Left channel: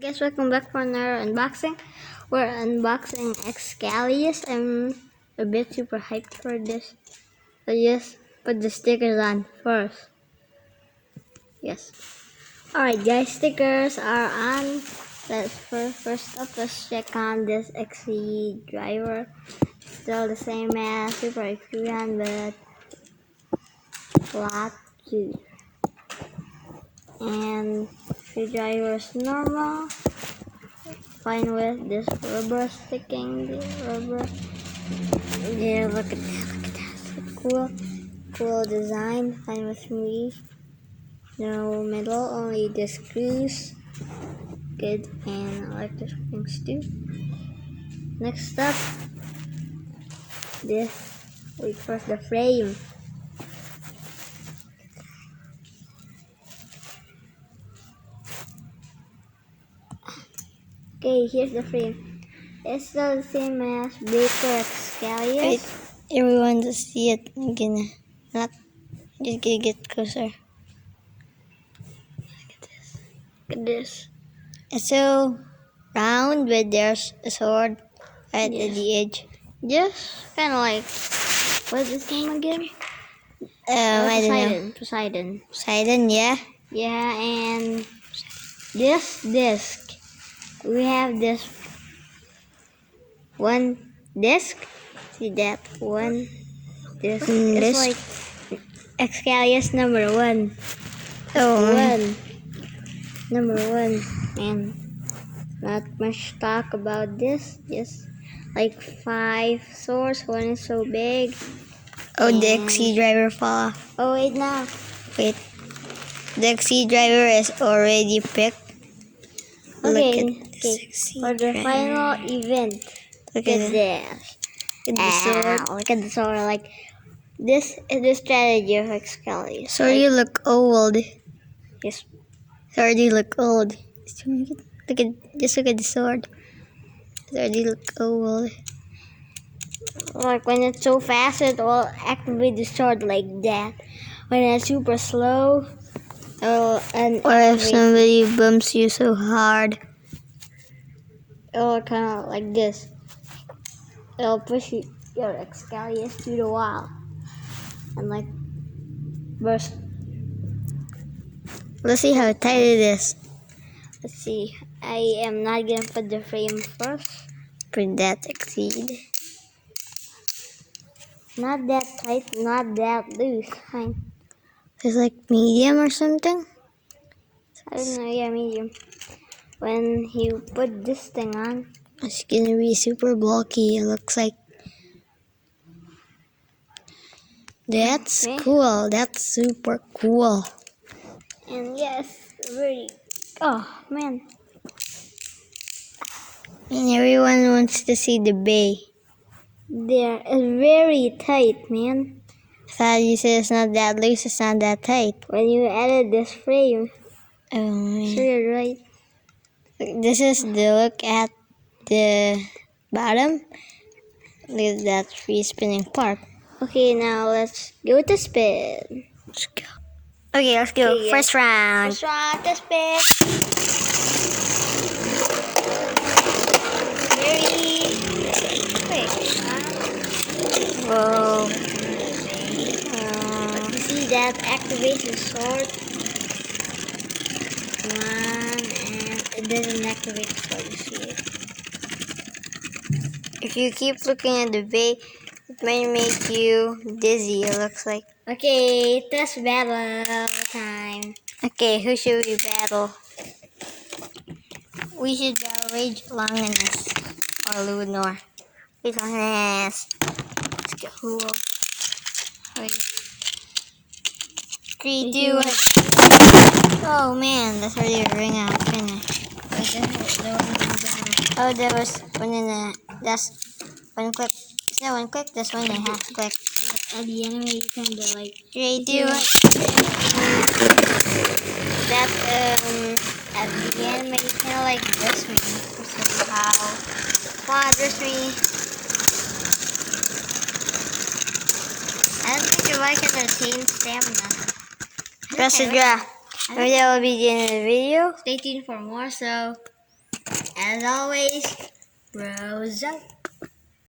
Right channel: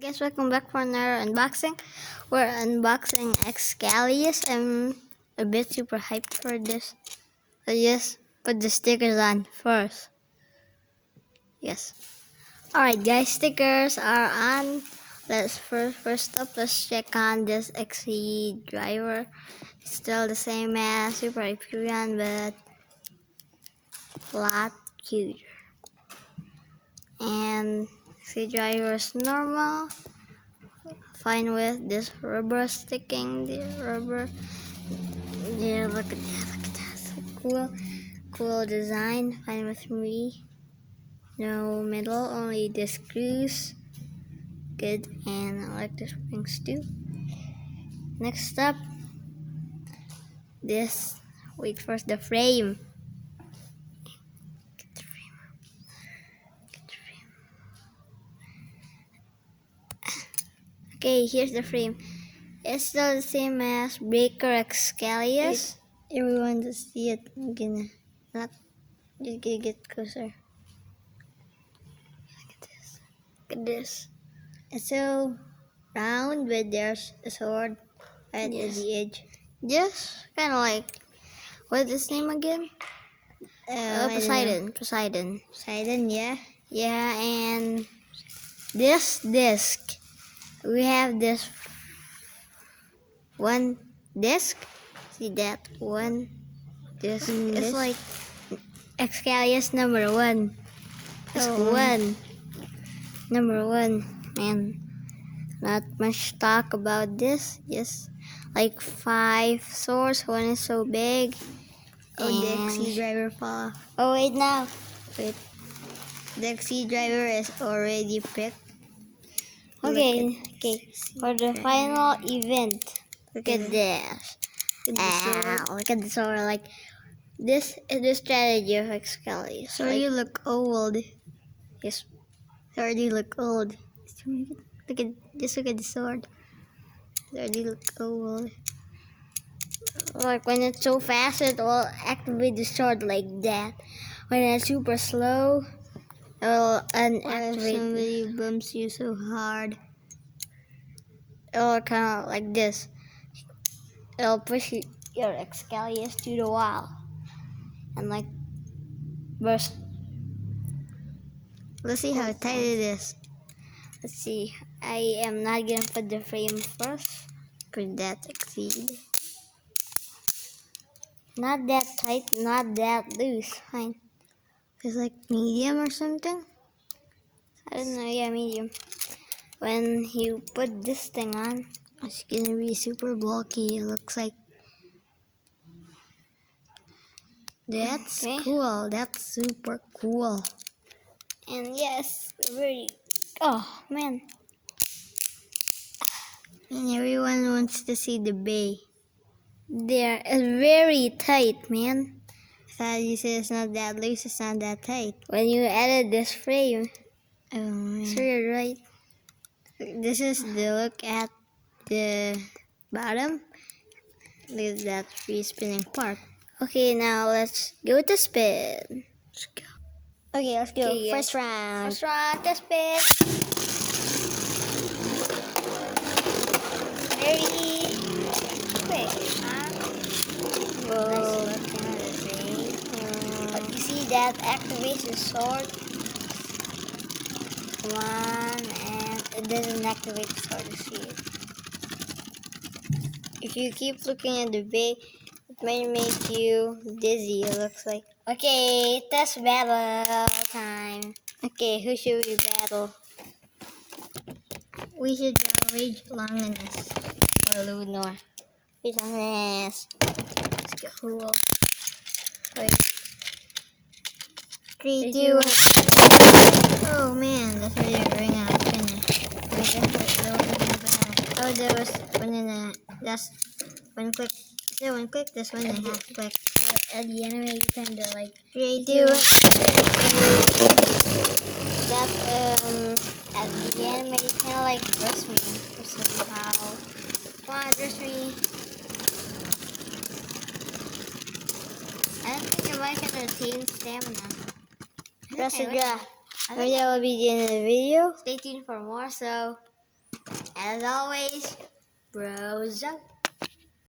Guys, welcome back for another unboxing. We're unboxing Xcalius. I'm a bit super hyped for this. So just put the stickers on first. Yes. Alright guys, stickers are on. First up, let's check on this XE driver. It's still the same as Super Hyperion, but a lot cuter. And XE driver is normal. Fine with this rubber sticking, the rubber. Yeah, look at that, so cool design. Fine with me. No middle, only the screws. Good, and I like the springs too. Next up, this. Wait, first the frame. Okay, here's the frame. It's still the same as Baker Xcalius. Wait, everyone to see it. I'm gonna not just gonna get closer. Look at this. It's so round, but there's a sword at Yes. the edge. Just kind of like, what's his name again? I don't know. Poseidon. Poseidon, yeah. Yeah, and this disc. We have this one disc. See that one disc? It's Disc. like Xcalius number 1. Oh, Number 1. And not much talk about this. Just like 5 swords. One is so big. oh, the And- XC driver fall off. Oh, wait now. Wait, the XC driver is already picked. Okay, Look at this XC for the driver. final event. Look Look at at it. this. Look at the sword. Look at the sword. Like, this is the strategy of Xcalius. Sword, you look old. Yes. Sword, you look old. Look at the sword. Sword, you look old. Like, when it's so fast, it will activate the sword like that. When it's super slow, it will Or if unactivate. somebody bumps you so hard. It will kind of like this. It will push your Xcalius to the wall. And like, burst. Let's see how tight it is. Let's see. I am not gonna put the frame first. Put that exceed. Not that tight, not that loose. Fine. It's like medium or something. I don't know, yeah, medium. When you put this thing on, It's gonna be super bulky. It looks like. That's Okay. cool. That's super cool. and yes, very. Oh man, And everyone wants to see the bay. they're very tight, man. I thought you said it's not that loose. It's not that tight. When you added this frame, Oh man. so you're right. This is the look at the bottom. Look at that free spinning part. Okay, now let's give it a spin. Let's go. Okay, let's go. Okay, First round. First round, the spin. Very. Wait, Whoa. but you see that activates the sword. One, and it doesn't activate the sword. You see it. If you keep looking at the bay, it might make you dizzy, it looks like. Okay, test battle time. Okay, who should we battle? We should battle Rage Longinus or Lunor. Rage Longinus. Let's go. Cool. Wait, 3, 2, 1. Oh man, that's already a ring out finish. Oh, there was one and a. That's one click. Is there one click? That's 1.5 click. at the anime, you kind of like. 3, 2, 1. That's at the end, but you kind of like this me. This is how. Wow, this me. I don't think the device has attained stamina. Press the draw. Maybe that will be the end of the video. Stay tuned for more. So. As always, bros out.